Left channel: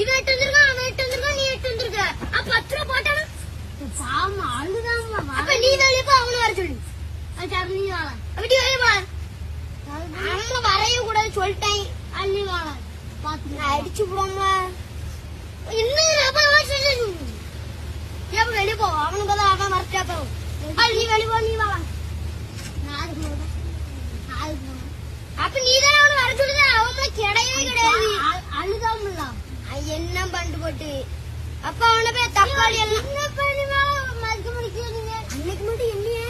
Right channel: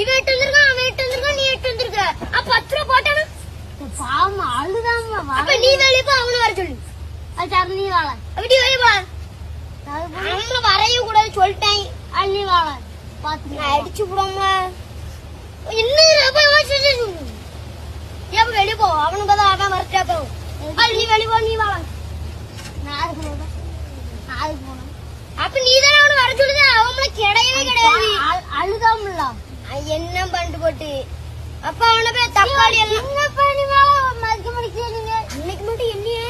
இவன் எட்டு வந்திருக்கான், அவன் எட்டு வந்திருக்கான், நீ எட்டு வந்திருக்க. அப்ப 10 ரூபா போட்டானா? பாமா அழுதாம அப்ப நீ வெளியே போ, அவனை வர சொல்லு. அது நீ வாழ அப்படி வெளியே போ. அவன் வரைய கூடாது சொல்லிட்டேன். அள்ளி வாழ பாத்து அடிச்சு விடுவாங்க. இன்னும் அப்ப ஏன் வெளியே போ, அவனுக்கு தான் அவன் வரட்டா போ. நீ வெளியே போ, நீ வாழ. நாளைக்கு போனேன். அப்ப நீ தானே அவனை வர சொல்லுது, அவன் கிடையவே கிடையாது. அழுதாமல என்ன பண்ணிட்டு போட்டு அப்ப அவனை போய் தக்காளி எல்லாம் என்ன பண்ணி மதிக்க முடிக்கிறீங்க அன்னைக்கு மட்டும் என்னையே